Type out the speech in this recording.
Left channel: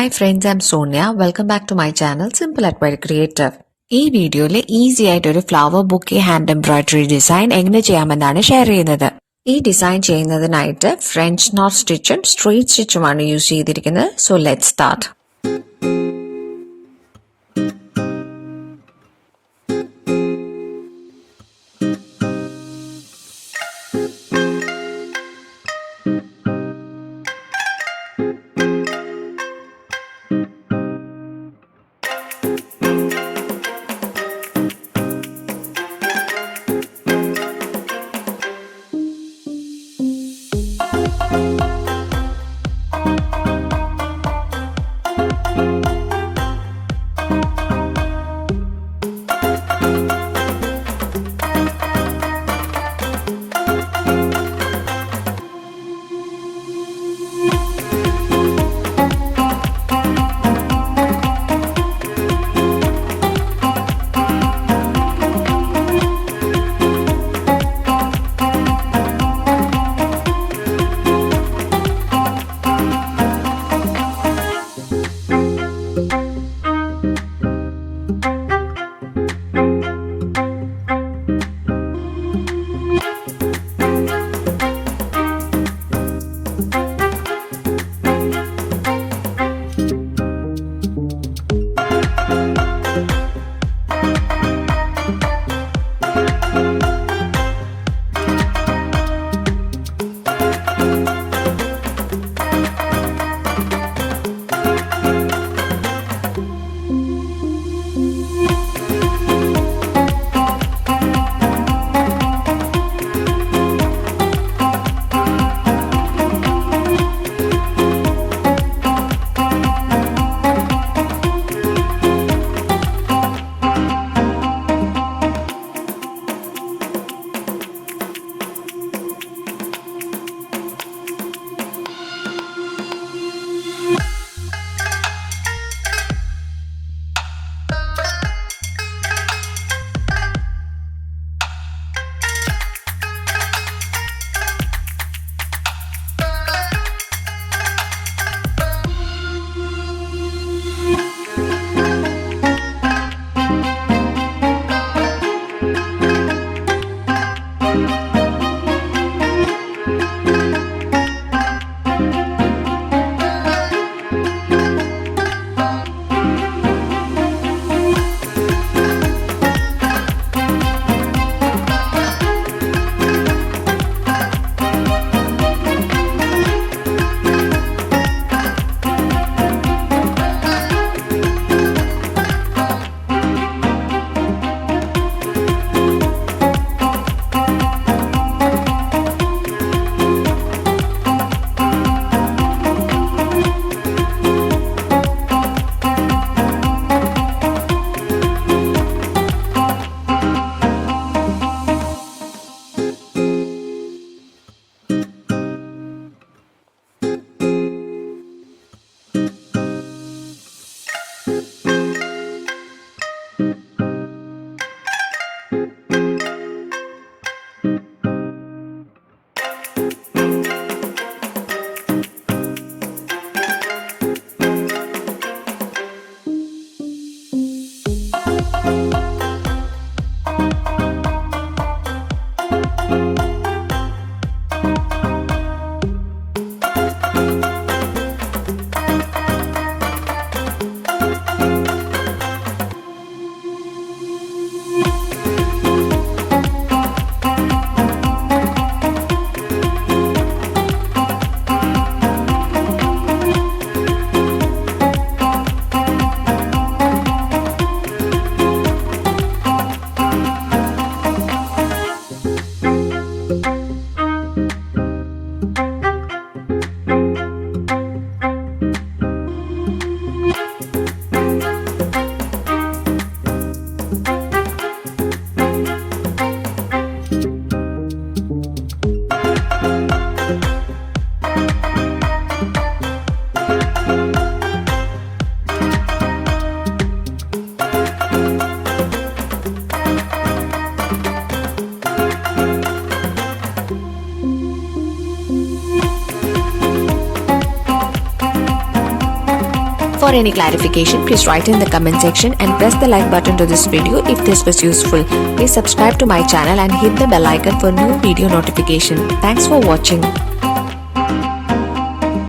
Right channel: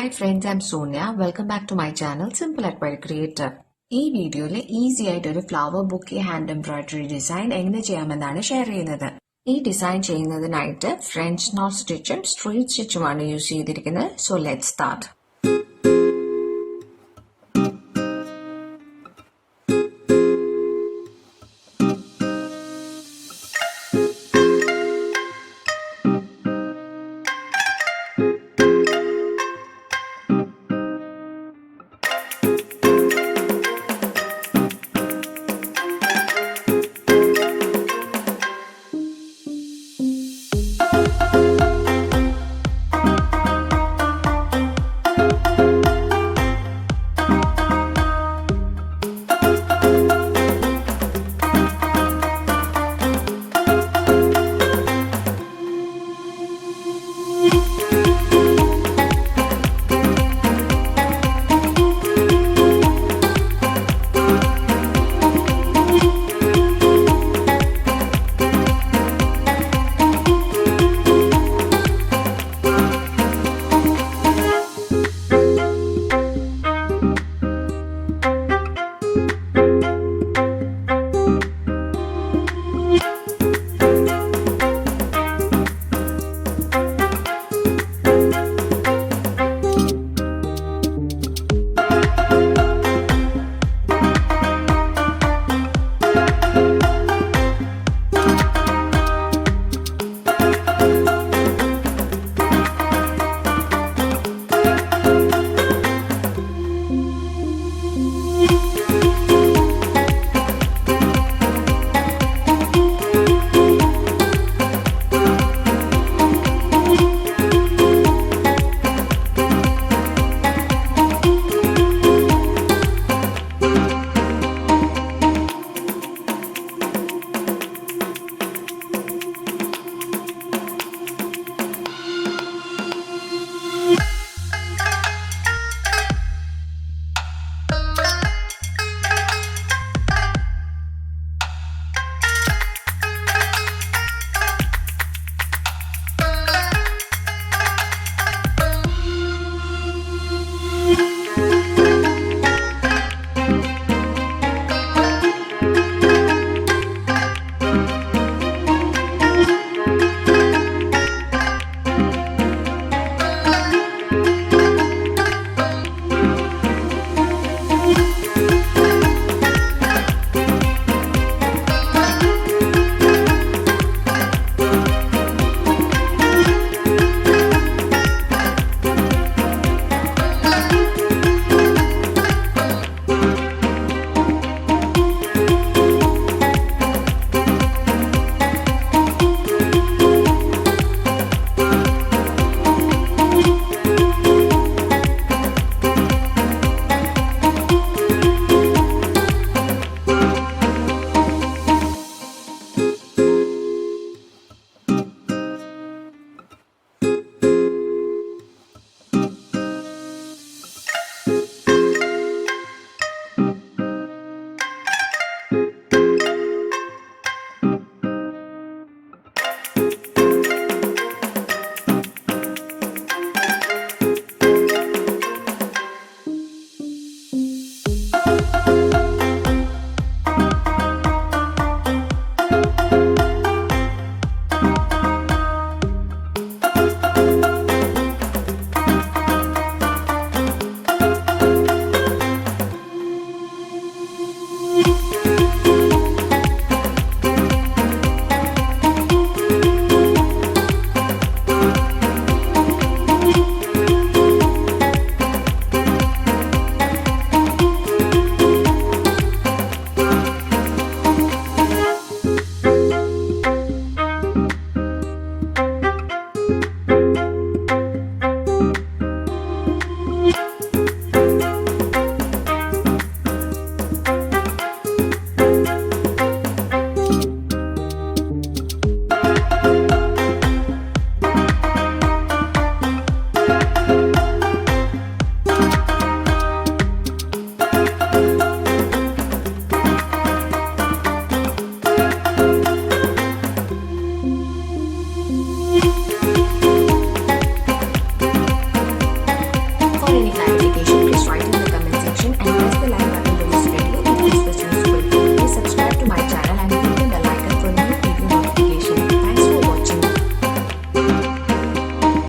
Hi friends, I'm Sonia. Welcome back to my channel Simple at Very Creative. ഈ വീഡിയോയിൽ easy ആയിട്ട് ഒരു flower bouquet hand embroidery design എങ്ങനെ ചെയ്യാമെന്നാണ് share ചെയ്യുന്നത്. ഈ ഡിസൈൻ ചെയ്യുന്നതിനായിട്ട് ഫ്രഞ്ച് നോട്ട് സ്റ്റിച്ചും സ്ട്രെയിറ്റ് സ്റ്റിച്ചുമാണ് യൂസ് ചെയ്തിരിക്കുന്നത്. So let's start. For any clarification, please write in the comment section and press the like button to this video if this was useful. Please subscribe to my channel and hit the bell icon for new video notification. Thanks for watching.